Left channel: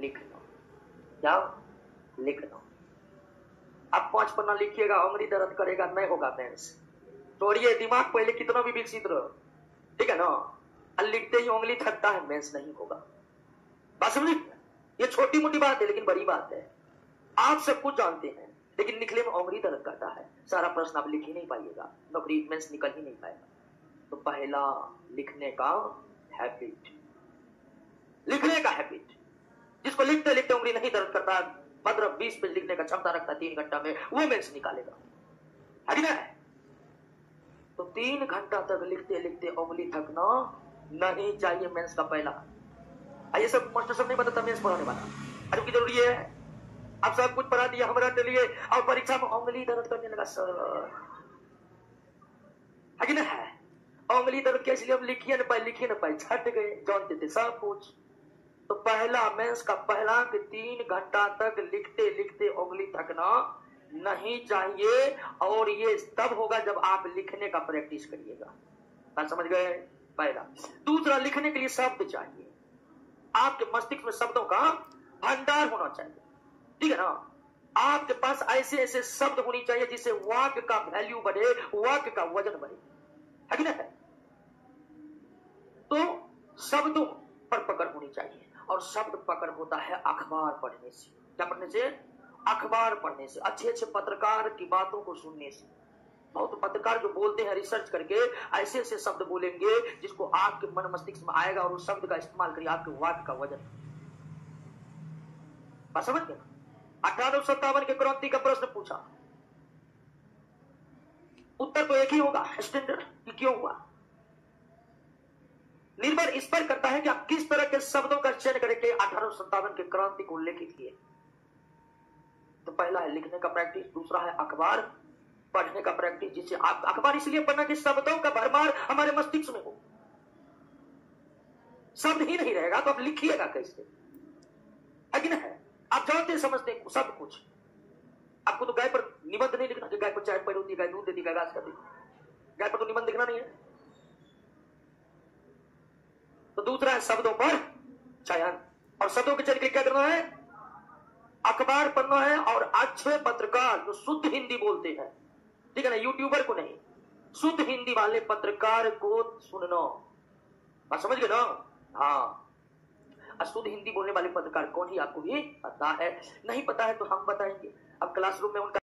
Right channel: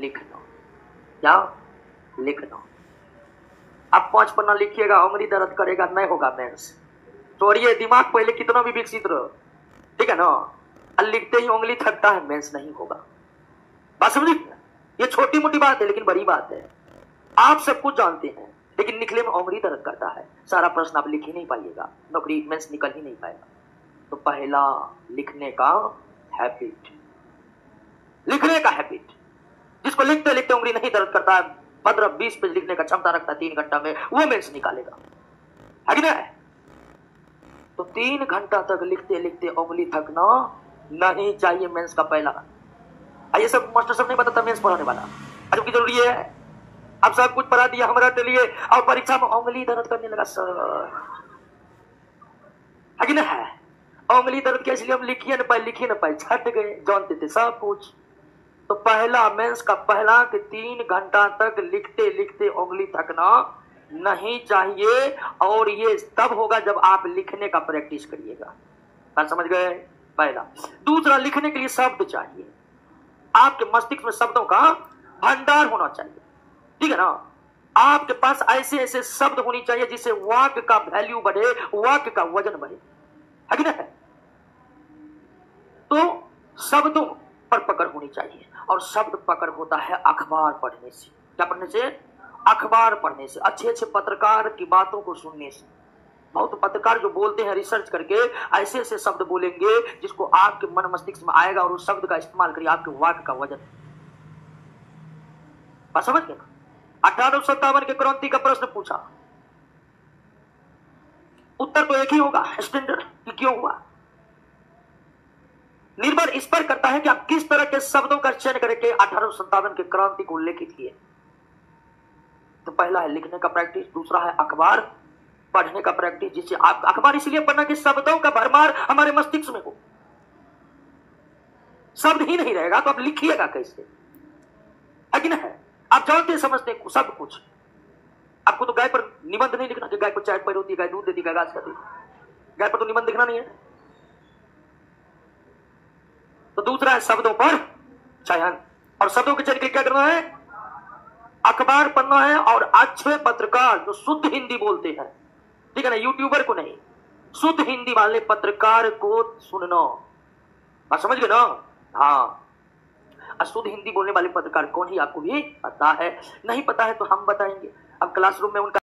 लिख लो, क्या लिख लो। आप 5 पन्ना लिखिएगा, उंगली दर्द करेगा, नहीं होगा मेंस। छोड़िए, दिमाग पहले कितना भी विकसित रहो, ठीक है ना। लिखते ही उंगली थकता है, मेंस नहीं होगा। बात समझिए, ये छोटी मोटी बात है लेकिन बड़ी बात है। आप सब कुछ जानते हैं लेकिन निकले में उंगली दर्द करता है, सारा प्रश्न आप लिख ही नहीं पाइएगा, नौकरी मेंस निकल ही नहीं पाएगा। तो पहला लिखने का हैबिट, लिखने का हैबिट, जिसको लिखते लिखते उंगली नहीं दर्द करता है, 15-20 पेज लिखने का क्षमता रखता है 3 घंटा में, वो मेंस निकालेगा, है कि नहीं। तो 3 घंटा तक लिखते लिखते उंगली थकना नहीं चाहिए मेंस का पहला। ये सब मास्टर सब नहीं बताता मेंस पढ़ाने वाला, जो की जरूरी है। अब सब कुछ पढ़ा दिया हमारा के लिए, और परीक्षा में उंगली दर्द करने लगा सर, है कि नहीं है। उंगली दर्द के इसलिए हम लिखिए न पाए छट गए, जानते थे सब कुछ। तो पहला मेंस का पहला कि 3 घंटा तक लिखते लिखते उंगली थकना नहीं चाहिए, और ये तब होगा जब आप लिखने का प्रैक्टिस करिएगा। बात समझ गए। पहला। दूसरा, लिखने के लिए शब्द चाहिए, आपके मस्तिष्क में शब्दों का भंडार होना चाहिए, ठीक है ना। आपके पास ऐसे ऐसे शब्द होनी चाहिए जिससे वाक्य का वैल्यू बढ़े, वाक्य का वजन बढ़े, है कि नहीं। तो शब्दों पर पकड़ होनी चाहिए, और शब्द पकड़ होता है अखबार पढ़ने से। क्या पढ़ने से? अखबार पढ़ने से, अच्छे अच्छे पत्रकार की बातों को सुनने से। बहुत पत्रकार जो बोलते हैं रिसर्च करके, ऐसे ऐसे शब्द बोलेंगे जिसको आपके मन मस्तिष्क में आएगा, और उस शब्द का इस्तेमाल करिए, आपके वाक्य का वजन। बात समझ गए। 1857 के क्रांति का प्रश्न पूछा, उत्तर तो एक ही होगा, स्टैंडर्ड, कि क्यों हुआ। निर्भर इस पर करता है कि आप किस तरह के शब्दों का चयन करके 1857 के क्रांति को उल्लेखित किए। तो पहला है लिखने का प्रैक्टिस, दूसरा है अखबार पढ़ने का प्रैक्टिस, जिससे आप अखबार इसलिए पढ़ना कि शब्दों का भरमार हमारे मस्तिष्क में हो। शब्द ही नहीं रहेगा तो आप लिखिएगा कैसे, है कि नहीं। आप जानते समझते सब कुछ। आपको तो गाय पर निबंध नहीं लिखना कि गाय को चाय पैर होती है, गाय दूध देती है, गाय घास खाती है, गाय पर तो निबंध लिखना नहीं है। तो दूसरा है शब्दों पर चयन, और शब्दों के चयन के लिए क्या करना है? अखबार पढ़ना है, और अच्छे पत्रकार जो शुद्ध हिंदी बोलते हैं, ठीक है ना, यूट्यूबर को नहीं, शुद्ध हिंदी वाले पत्रकार को सुनना। बात समझ गए ना। हाँ, शुद्ध हिंदी बोलने वाले पत्रकार कौन ही आपको भी पता है, नहीं पता है तो हम बताएंगे। अब क्लासरूम में उनका